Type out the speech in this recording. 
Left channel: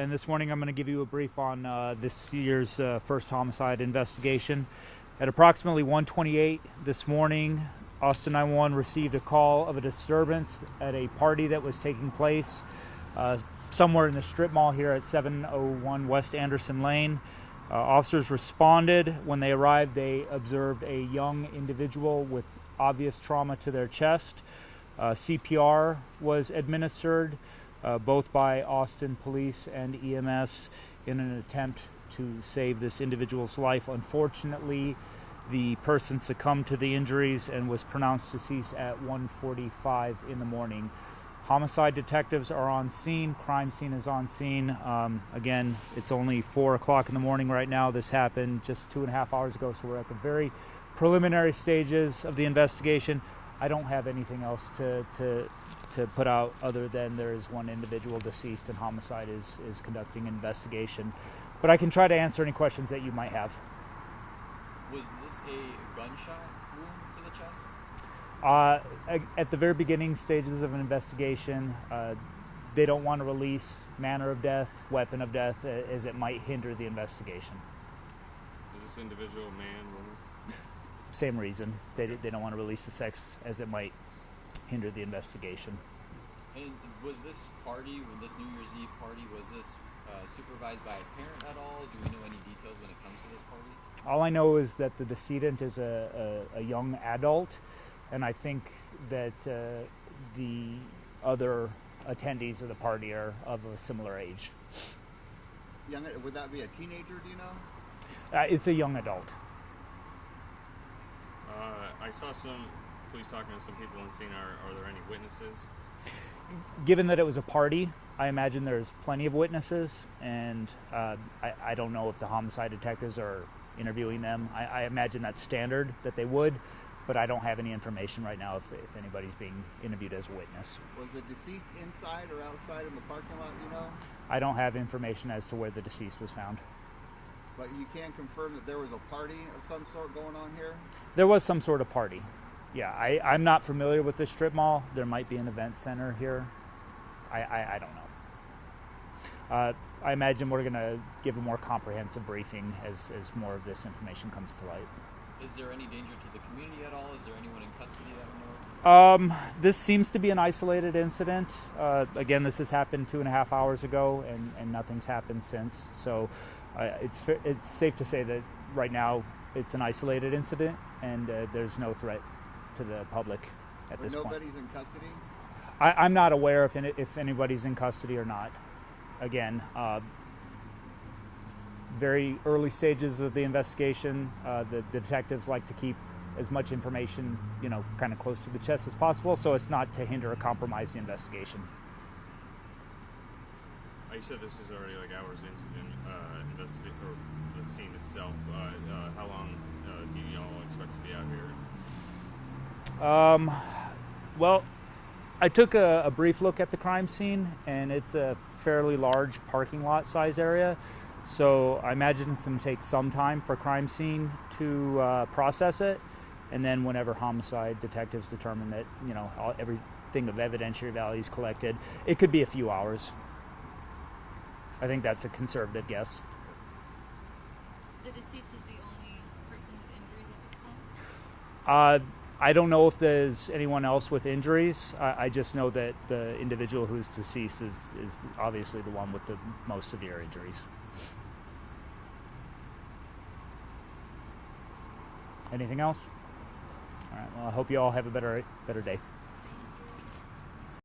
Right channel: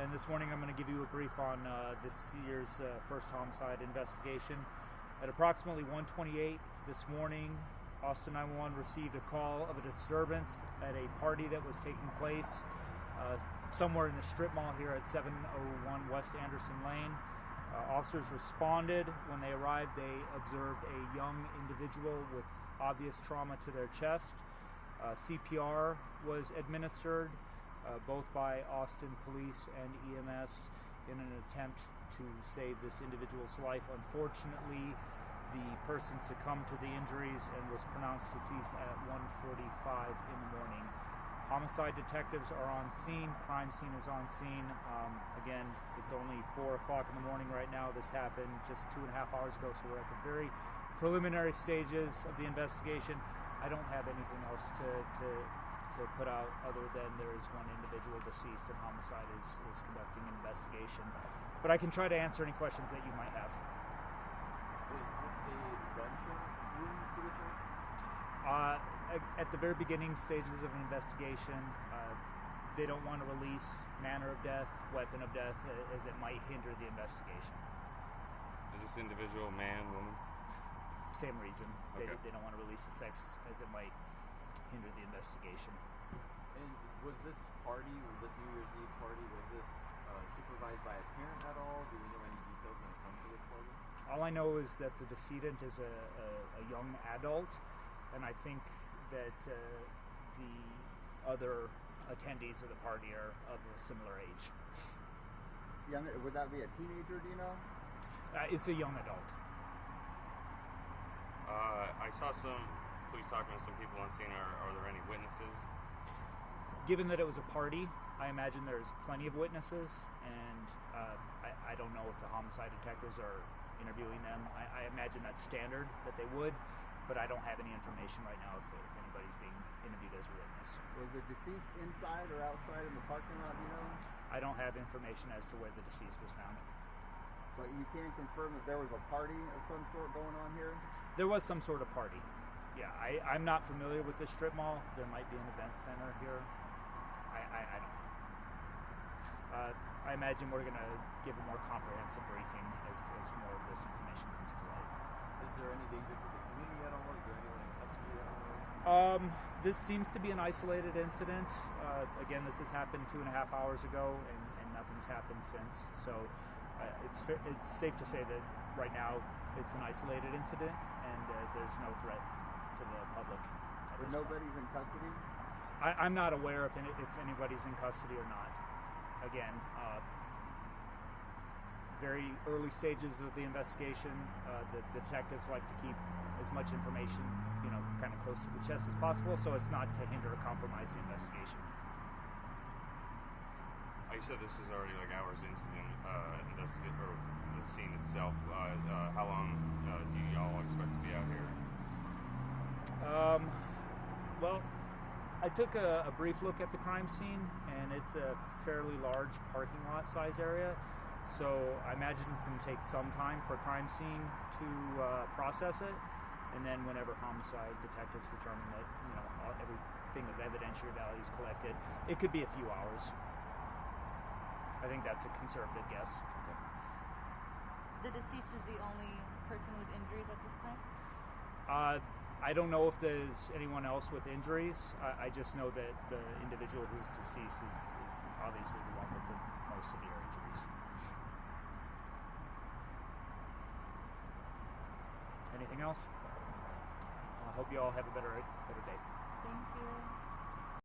and this morning I'm going to give you a brief on this year's first homicide investigation. At approximately 1:28 this morning, Austin 911 received a call of a disturbance at a party that was taking place somewhere in the strip mall here at 701 West Anderson Lane. Officers responded. When they arrived, they observed a young individual with obvious trauma to their chest. CPR was administered both by Austin Police and EMS in an attempt to save this individual's life. Unfortunately, the person succumbed to the injuries and was pronounced deceased at 1:45 in the morning. Homicide detectives are on scene. Crime scene is on scene. Again, it's only 4 o'clock in the morning right now. This happened just 2.5 hours ago, so we're at the very preliminary stages of the investigation. I don't have anything else to put out other than there is one individual deceased and homicide is conducting an investigation. But I can try to answer any questions that you might have. Was this a gunshot wound to the chest? At the very beginning stages of an investigation, they don't want to release manner of death, weapon of death, as it might hinder the investigation. Is this individual man, woman? Same reason. Okay. They don't want to release the sex as it might hinder the investigation. And was this party, this New Year's Eve party, was this supervised by a parent at all? Do we know any details when it comes to this party? All I know is that the decedent is a young adult, and I think that the other attendees of the party are of a similar age. Young, would that be a teenager, do you know? It's a young adult. I saw some police talking to some people on scene. Are there any witnesses? Given that it was a party, I imagine there's plenty of witnesses, and I don't know if the homicide detectives are interviewing them. I imagine that's standard that they would, but I don't have any information right now if anybody's being interviewed as a witness. Was the deceased inside or outside in the parking lot, do you know? I don't have information as to where the deceased was found. But you can confirm that there was a party of some sort going on here? There was some sort of party. Yeah, I'm not familiar with this strip mall. There might be an event center here. I don't know. I imagine we're going to give a more comprehensive briefing as more of this information comes to light. Is there any danger to the community at all? Is there anyone in custody that we know? This seems to be an isolated incident. Again, this has happened 2.5 hours ago, and nothing's happened since. So it's safe to say that right now it's an isolated incident, and there's no threat to the public at this point. Nobody's in custody? I'm not aware if anybody's in custody or not. Again, very early stages of the investigation. The detectives like to keep as much information, kind of close to the chest as possible, so as not to hinder or compromise the investigation. You said this is already like hours into the scene itself. How long do y'all expect to be out here? Well, I took a brief look at the crime scene, and it's a fairly large parking lot size area. So I imagine it's going to take some time for crime scene to process it, and then whenever homicide detectives determine that everything of evidentiary value is collected, it could be a few hours. I think that's a conservative guess. The deceased is the only person with injuries at this time? I don't know if there's anyone else with injuries. I just know that the individual who's deceased is obviously the one with the most severe injuries. Anything else? All right, well, I hope you all have a better day.